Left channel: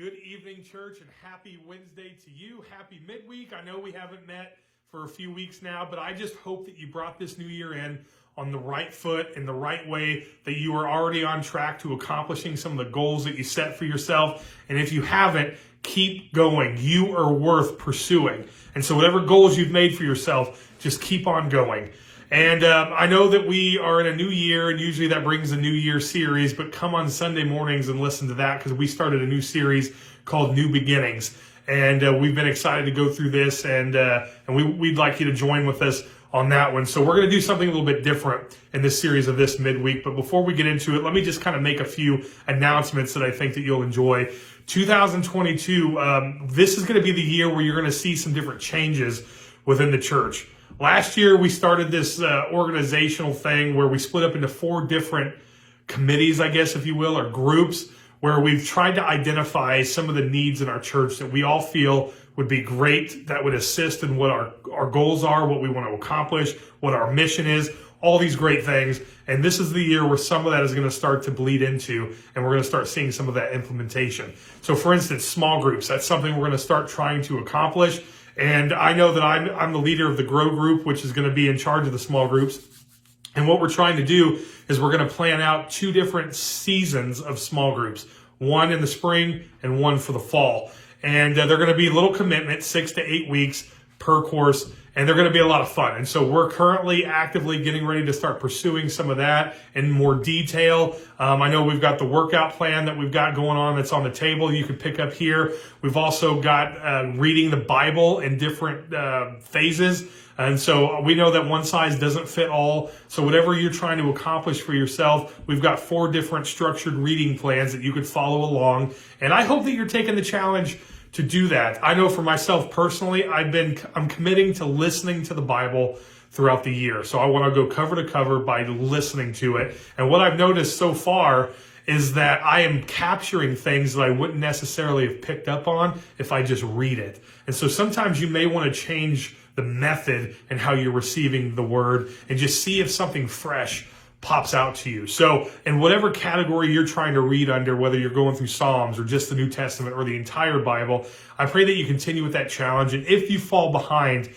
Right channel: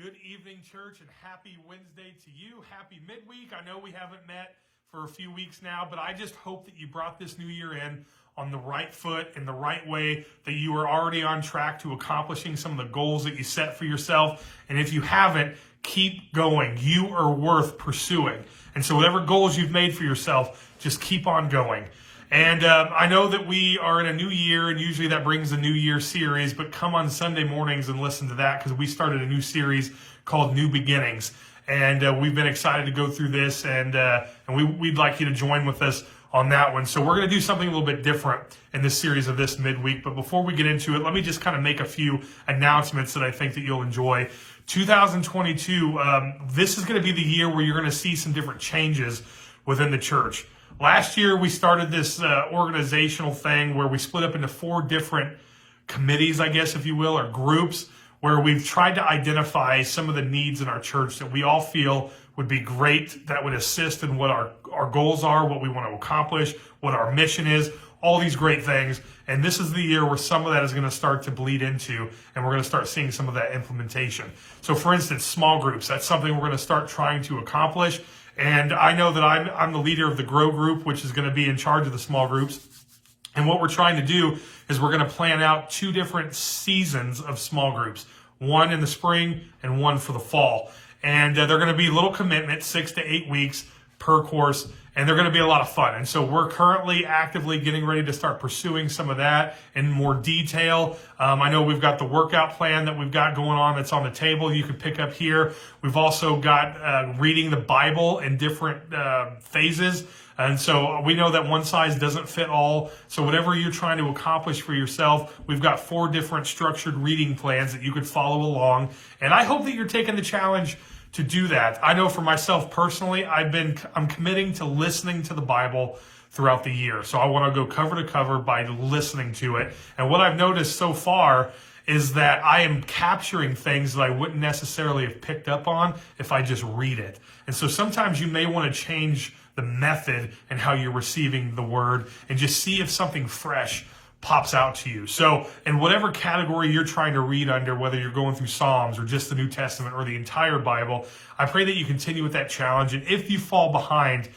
Good evening, church, and happy Wednesday to you. Happy midweek. I know we haven't met for a few weeks now, but I just hope that you brought this new year in on the right foot, in the right way, that you are already on track to accomplishing some of the goals that you set for yourself. And if you haven't, keep going. You are worth pursuing. And so whatever goals you've made for yourself, just keep on going. And I know that we are in a new year, and usually that brings a New Year series, but come on Sunday mornings and listen to that, because we started a new series called New Beginnings. And we've been excited to go through this, and we'd like you to join with us on that one. So we're going to do something a little bit different in this series of this midweek. But before we get into it, let me just kind of make a few announcements that I think that you'll enjoy. 2022, this is going to be the year where you're going to see some different changes within the church. Last year, we started this organizational thing where we split up into 4 different committees, I guess, if you will, or groups, where we've tried to identify some of the needs in our church that we all feel would be great, that would assist in what our goals are, what we want to accomplish, what our mission is, all these great things. And this is the year where some of that is going to start to bleed into, and we're going to start seeing some of that implementation. So, for instance, small groups, that's something we're going to start trying to accomplish. And I know that I'm the leader of the Grow Group, which is going to be in charge of the small groups. And what we're trying to do is we're going to plan out 2 different seasons of small groups, one in the spring and one for the fall. And they're going to be little commitments, 6 to 8 weeks per course, and they're going to be a lot of fun. And so we're currently actively getting ready to start pursuing some of that in more detail. I know we've got the workout plan that we've got going on that's on the table. You could pick up here. We've also got reading the Bible in different phases. And so we know that one size doesn't fit all. So whatever you're trying to accomplish for yourself, we've got 4 different structured reading plans that you could follow along. And I hope that you're taking the challenge to do that. I know for myself personally, I'm committing to listening to the Bible throughout the year. So I want to go cover to cover by listening to it. And what I've noticed so far is that I am capturing things that I wouldn't necessarily have picked up on if I just read it. And so sometimes you may want to change the method and how you're receiving the word and just see if something fresh pops out to you. So in whatever category you're trying to read under, whether you're going through Psalms or just the New Testament or the entire Bible, I pray that you continue with that challenge. And if you fall behind,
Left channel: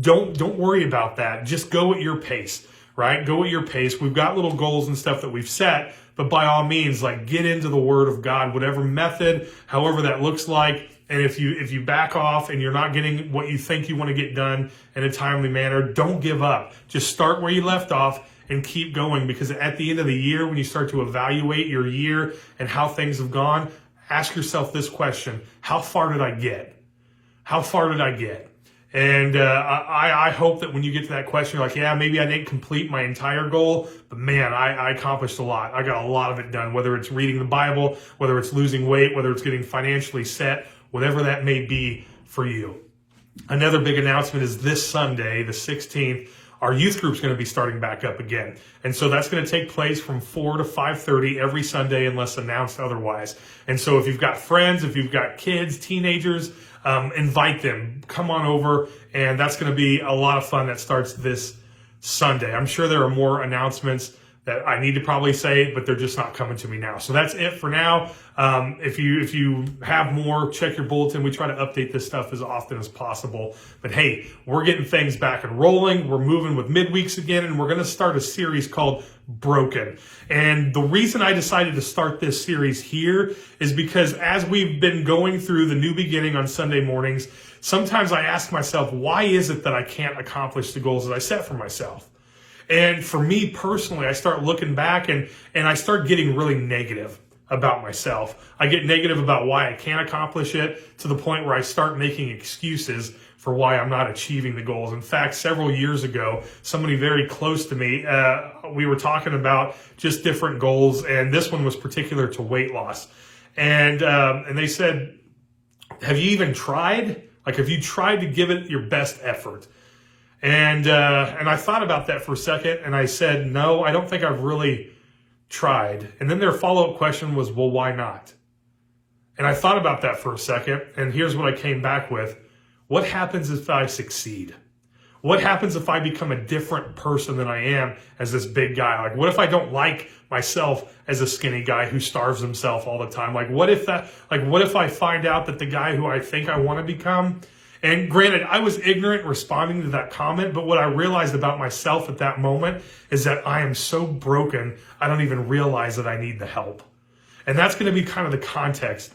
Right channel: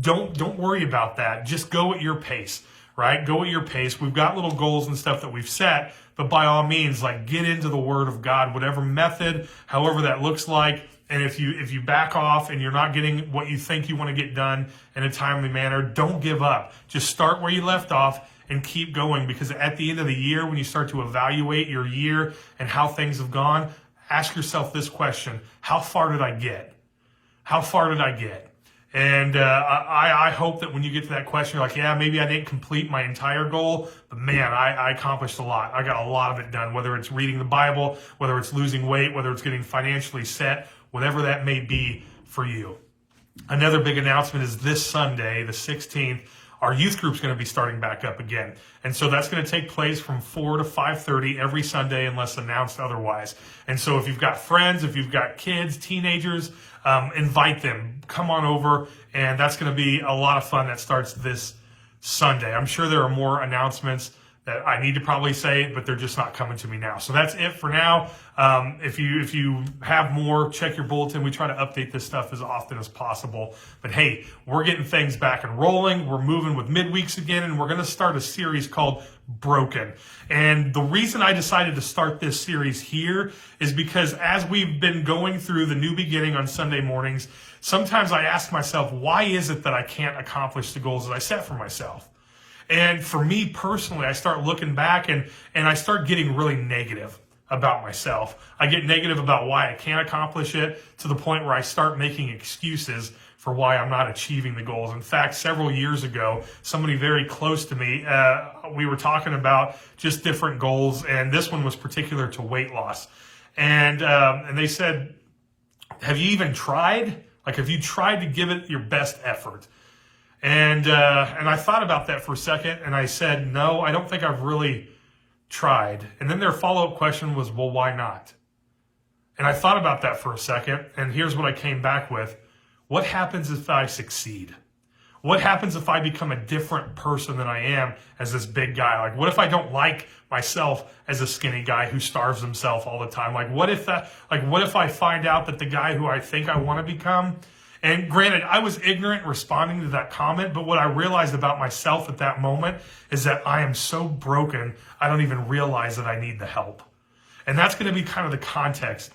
don't worry about that. Just go at your pace, right? Go at your pace. We've got little goals and stuff that we've set, but by all means, like, get into the Word of God, whatever method, however that looks like. And if you back off and you're not getting what you think you want to get done in a timely manner, don't give up. Just start where you left off and keep going, because at the end of the year, when you start to evaluate your year and how things have gone, ask yourself this question: how far did I get? How far did I get? And I hope that when you get to that question, you're like, yeah, maybe I didn't complete my entire goal, but man, I accomplished a lot. I got a lot of it done, whether it's reading the Bible, whether it's losing weight, whether it's getting financially set, whatever that may be for you. Another big announcement is this Sunday, the 16th, our youth group's going to be starting back up again. And so that's going to take place from 4 to 5:30 every Sunday unless announced otherwise. And so if you've got friends, if you've got kids, teenagers, invite them. Come on over, and that's going to be a lot of fun. That starts this Sunday. I'm sure there are more announcements that I need to probably say, but they're just not coming to me now. So that's it for now. If you have more, check your bulletin. We try to update this stuff as often as possible. But hey, we're getting things back and rolling. We're moving with midweeks again, and we're going to start a series called Broken. And the reason I decided to start this series here is because as we've been going through the New Beginning on Sunday mornings, sometimes I ask myself, why is it that I can't accomplish the goals that I set for myself? And for me personally, I start looking back and I start getting really negative about myself. I get negative about why I can't accomplish it, to the point where I start making excuses for why I'm not achieving the goals. In fact, several years ago, somebody very close to me, we were talking about just different goals, and this one was particular to weight loss. And they said, have you even tried? Like, have you tried to give it your best effort? And I thought about that for a second, and I said, no, I don't think I've really tried. And then their follow-up question was, well, why not? And I thought about that for a second, and here's what I came back with. What happens if I succeed? What happens if I become a different person than I am as this big guy? Like, what if I don't like myself as a skinny guy who starves himself all the time? Like, what if I find out that the guy who I think I want to become, and granted, I was ignorant responding to that comment, but what I realized about myself at that moment is that I am so broken, I don't even realize that I need the help. And that's going to be kind of the context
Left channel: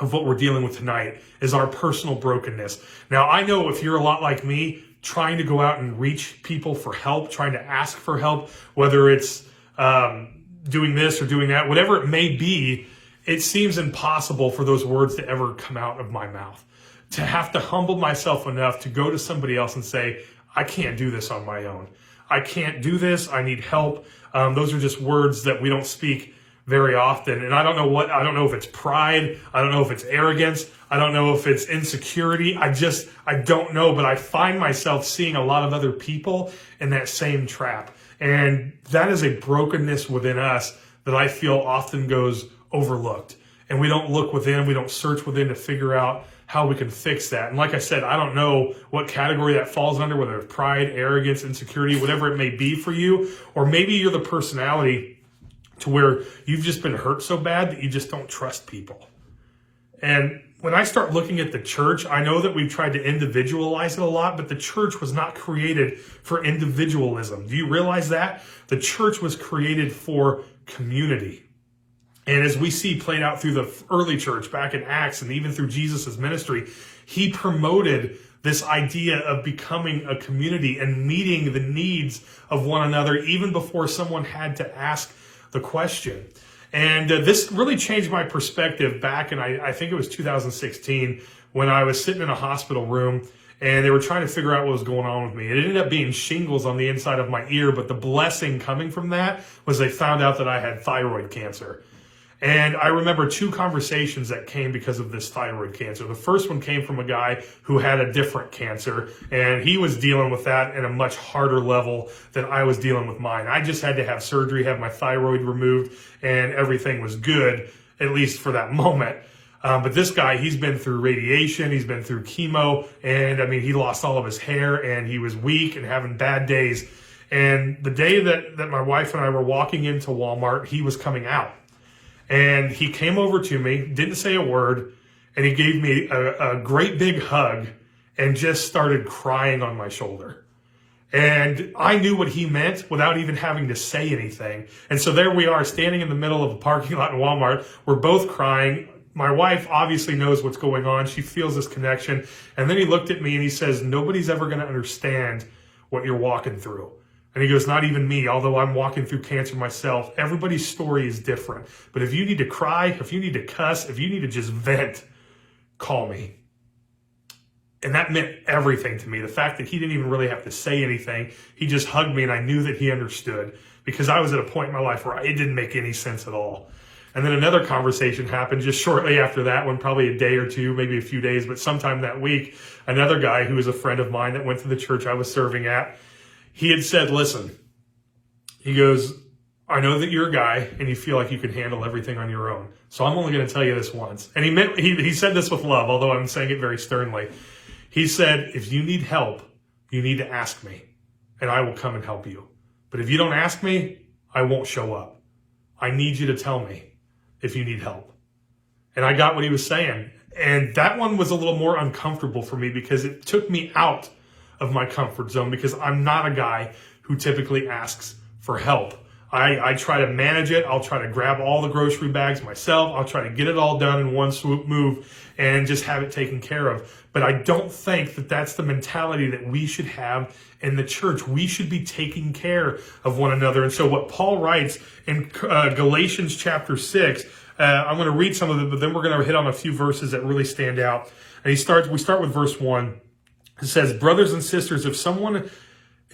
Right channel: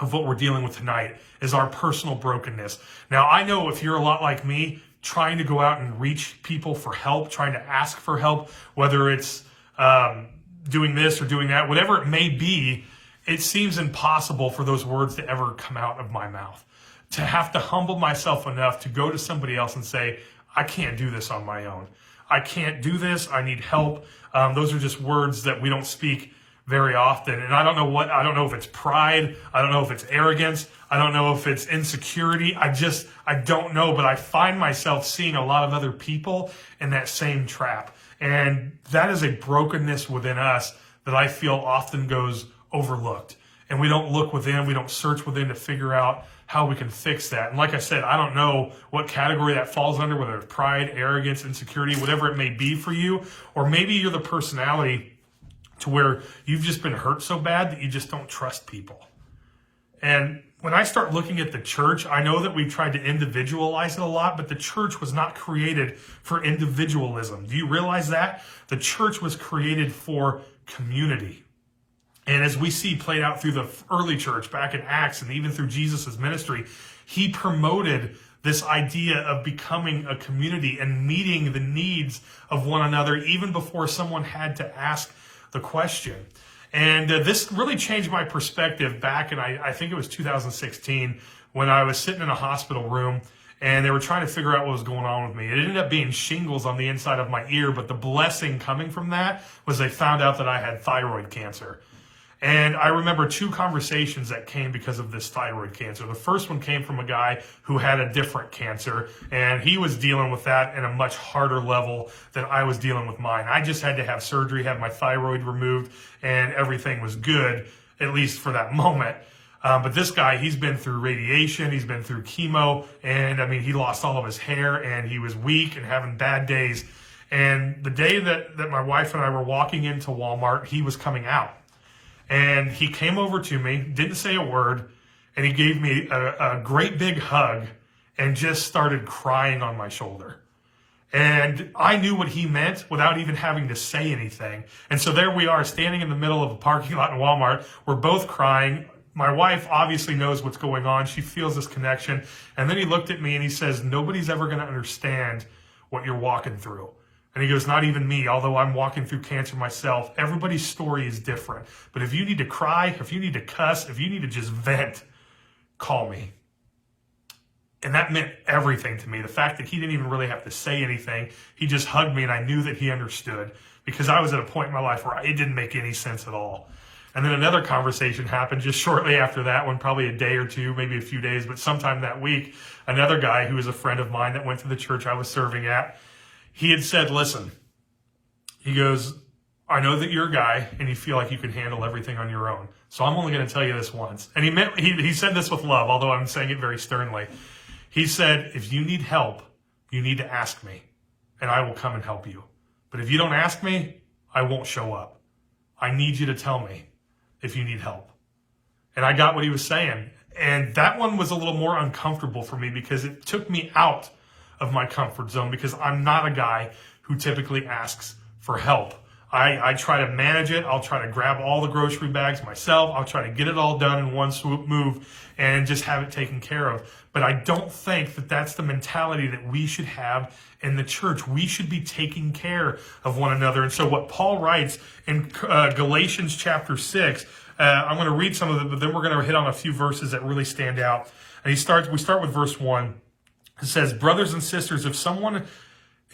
of what we're dealing with tonight, is our personal brokenness. Now, I know if you're a lot like me, trying to go out and reach people for help, trying to ask for help, whether it's doing this or doing that, whatever it may be, it seems impossible for those words to ever come out of my mouth. To have to humble myself enough to go to somebody else and say, I can't do this on my own. I can't do this. I need help. Those are just words that we don't speak very often. And I don't know if it's pride. I don't know if it's arrogance. I don't know if it's insecurity. I don't know, but I find myself seeing a lot of other people in that same trap. And that is a brokenness within us that I feel often goes overlooked. And we don't look within, we don't search within to figure out how we can fix that. And like I said, I don't know what category that falls under, whether it's pride, arrogance, insecurity, whatever it may be for you. Or maybe you're the personality to where you've just been hurt so bad that you just don't trust people. And when I start looking at the church, I know that we've tried to individualize it a lot, but the church was not created for individualism. Do you realize that? The church was created for community. And as we see played out through the early church back in Acts and even through Jesus' ministry, he promoted this idea of becoming a community and meeting the needs of one another even before someone had to ask the question. And this really changed my perspective back in, I think it was 2016, when I was sitting in a hospital room and they were trying to figure out what was going on with me. It ended up being shingles on the inside of my ear, but the blessing coming from that was they found out that I had thyroid cancer. And I remember two conversations that came because of this thyroid cancer. The first one came from a guy who had a different cancer, and he was dealing with that at a much harder level than I was dealing with mine. I just had to have surgery, have my thyroid removed, and everything was good, at least for that moment. But this guy, he's been through radiation, he's been through chemo, and I mean, he lost all of his hair, and he was weak and having bad days. And the day that my wife and I were walking into Walmart, he was coming out. And he came over to me, didn't say a word, and he gave me a great big hug and just started crying on my shoulder. And I knew what he meant without even having to say anything. And so there we are, standing in the middle of a parking lot in Walmart. We're both crying. My wife obviously knows what's going on. She feels this connection. And then he looked at me and he says, nobody's ever going to understand what you're walking through. And he goes, not even me, although I'm walking through cancer myself. Everybody's story is different. But if you need to cry, if you need to cuss, if you need to just vent, call me. And that meant everything to me. The fact that he didn't even really have to say anything. He just hugged me and I knew that he understood, because I was at a point in my life where it didn't make any sense at all. And then another conversation happened just shortly after that one, probably a day or two, maybe a few days, but sometime that week, another guy who was a friend of mine that went to the church I was serving at, he had said, listen, he goes, I know that you're a guy and you feel like you can handle everything on your own. So I'm only going to tell you this once. And he said this with love, although I'm saying it very sternly. He said, if you need help, you need to ask me and I will come and help you. But if you don't ask me, I won't show up. I need you to tell me if you need help. And I got what he was saying. And that one was a little more uncomfortable for me because it took me out of my comfort zone, because I'm not a guy who typically asks for help. I try to manage it. I'll try to grab all the grocery bags myself. I'll try to get it all done in one swoop move and just have it taken care of. But I don't think that that's the mentality that we should have in the church. We should be taking care of one another. And so what Paul writes in Galatians chapter 6, I'm going to read some of it, but then we're going to hit on a few verses that really stand out. And we start with verse 1. It says, brothers and sisters, if someone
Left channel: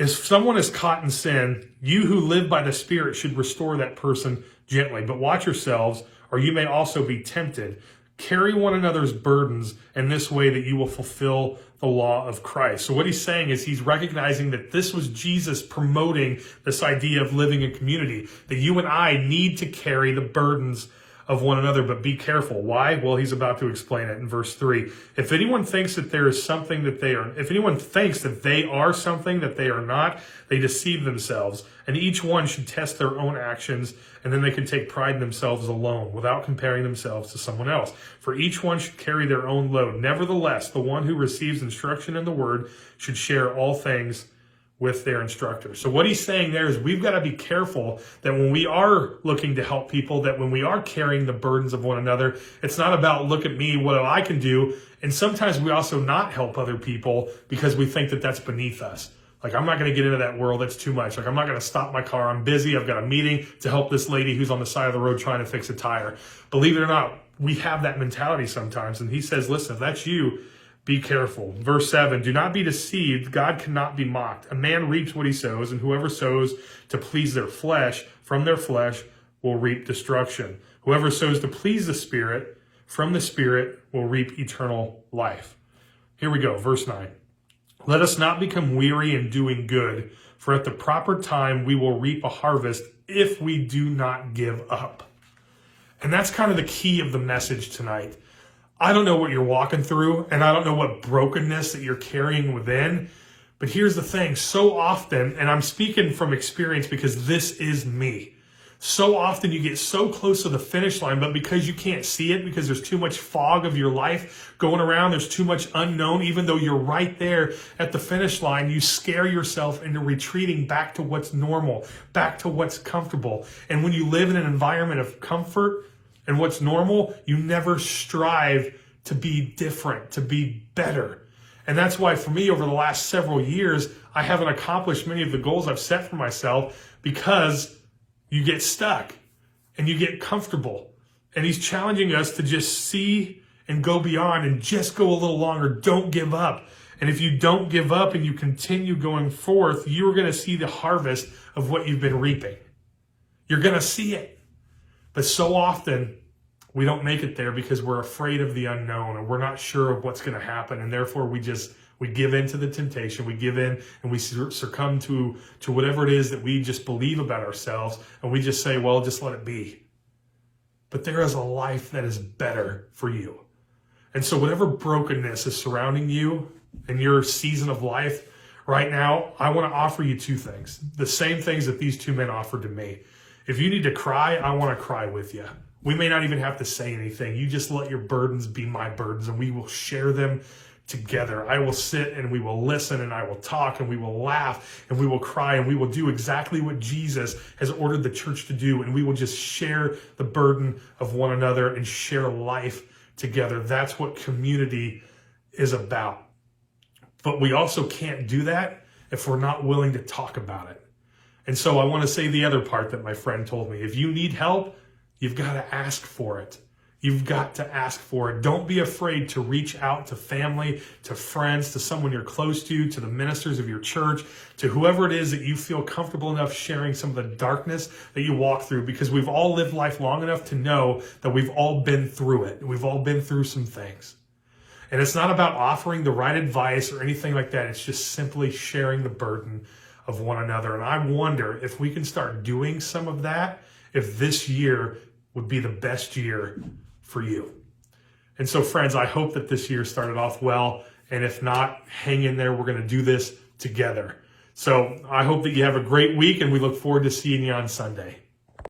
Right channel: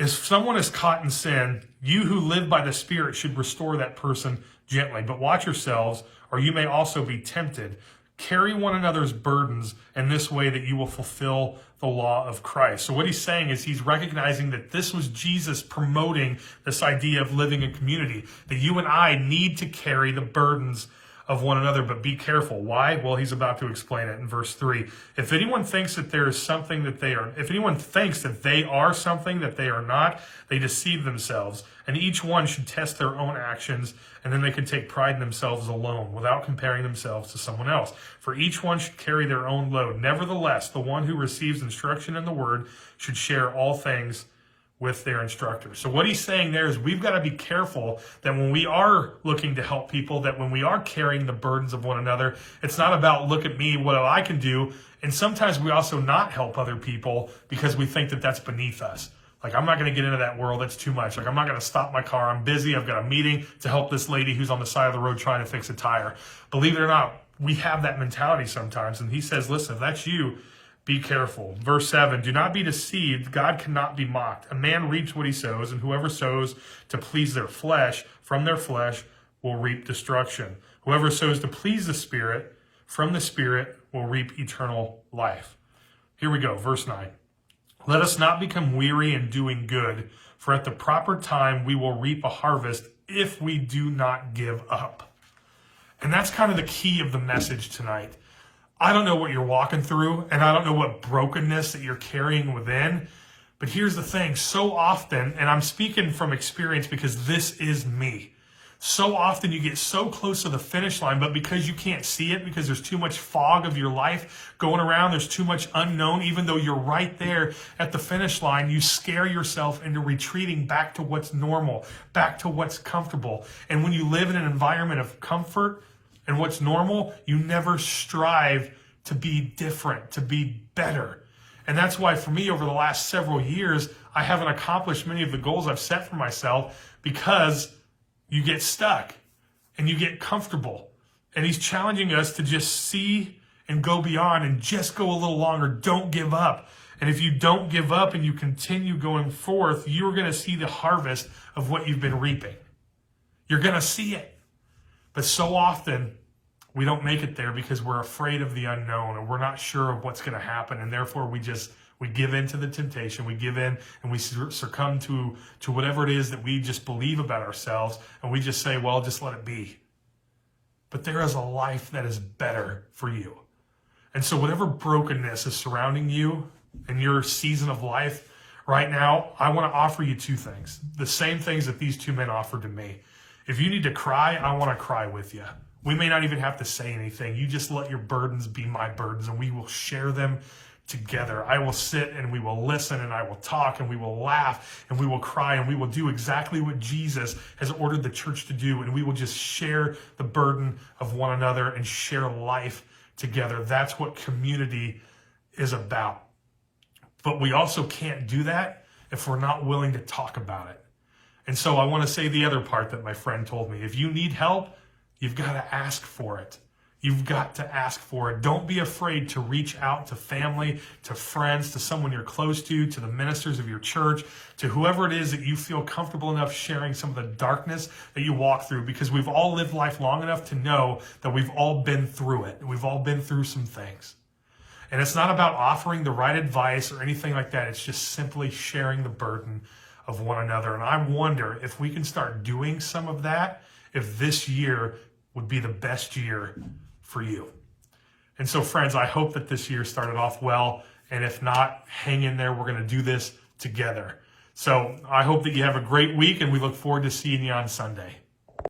is caught in sin, you who live by the Spirit should restore that person gently. But watch yourselves, or you may also be tempted. Carry one another's burdens in this way that you will fulfill the law of Christ. So what he's saying is he's recognizing that this was Jesus promoting this idea of living in community, that you and I need to carry the burdens of one another, but be careful. Why? Well, he's about to explain it in verse 3. If anyone thinks that there is something that they are, if anyone thinks that they are something that they are not, they deceive themselves. And each one should test their own actions And then they can take pride in themselves alone without comparing themselves to someone else. For each one should carry their own load. Nevertheless, the one who receives instruction in the word should share all things with their instructor. So what he's saying there is we've got to be careful that when we are looking to help people, that when we are carrying the burdens of one another, it's not about look at me, what I can do. And sometimes we also not help other people because we think that that's beneath us. Like, I'm not going to get into that world. That's too much. Like, I'm not going to stop my car. I'm busy. I've got a meeting to help this lady who's on the side of the road trying to fix a tire. Believe it or not, we have that mentality sometimes. And he says, listen, if that's you, be careful. Verse 7, do not be deceived. God cannot be mocked. A man reaps what he sows, and whoever sows to please their flesh, from their flesh will reap destruction. Whoever sows to please the Spirit, from the Spirit will reap eternal life. Here we go, verse 9. Let us not become weary in doing good, for at the proper time we will reap a harvest if we do not give up. And that's kind of the key of the message tonight. I don't know what you're walking through, and I don't know what brokenness that you're carrying within, but here's the thing. So often, and I'm speaking from experience because this is me, so often you get so close to the finish line, but because you can't see it, because there's too much fog of your life going around, there's too much unknown, even though you're right there at the finish line, you scare yourself into retreating back to what's normal, back to what's comfortable. And when you live in an environment of comfort and what's normal, you never strive to be different, to be better. And that's why for me, over the last several years, I haven't accomplished many of the goals I've set for myself because you get stuck and you get comfortable. And he's challenging us to just see and go beyond and just go a little longer. Don't give up. And if you don't give up and you continue going forth, you're going to see the harvest of what you've been reaping. You're going to see it. But so often we don't make it there because we're afraid of the unknown, and we're not sure of what's going to happen. And therefore we give in to the temptation. We give in and we succumb to whatever it is that we just believe about ourselves. And we just say, well, just let it be. But there is a life that is better for you. And so whatever brokenness is surrounding you in your season of life right now, I want to offer you two things. The same things that these two men offered to me. If you need to cry, I want to cry with you. We may not even have to say anything. You just let your burdens be my burdens, and we will share them together. I will sit and we will listen, and I will talk, and we will laugh, and we will cry, and we will do exactly what Jesus has ordered the church to do, and we will just share the burden of one another and share life together. That's what community is about. But we also can't do that if we're not willing to talk about it. And so I want to say the other part that my friend told me. If you need help, you've got to ask for it. You've got to ask for it. Don't be afraid to reach out to family, to friends, to someone you're close to the ministers of your church, to whoever it is that you feel comfortable enough sharing some of the darkness that you walk through, because we've all lived life long enough to know that we've all been through it. We've all been through some things. And it's not about offering the right advice or anything like that. It's just simply sharing the burden of one another. And I wonder if we can start doing some of that, if this year would be the best year for you. And so, friends, I hope that this year started off well. And if not, hang in there. We're going to do this together. So I hope that you have a great week, and we look forward to seeing you on Sunday.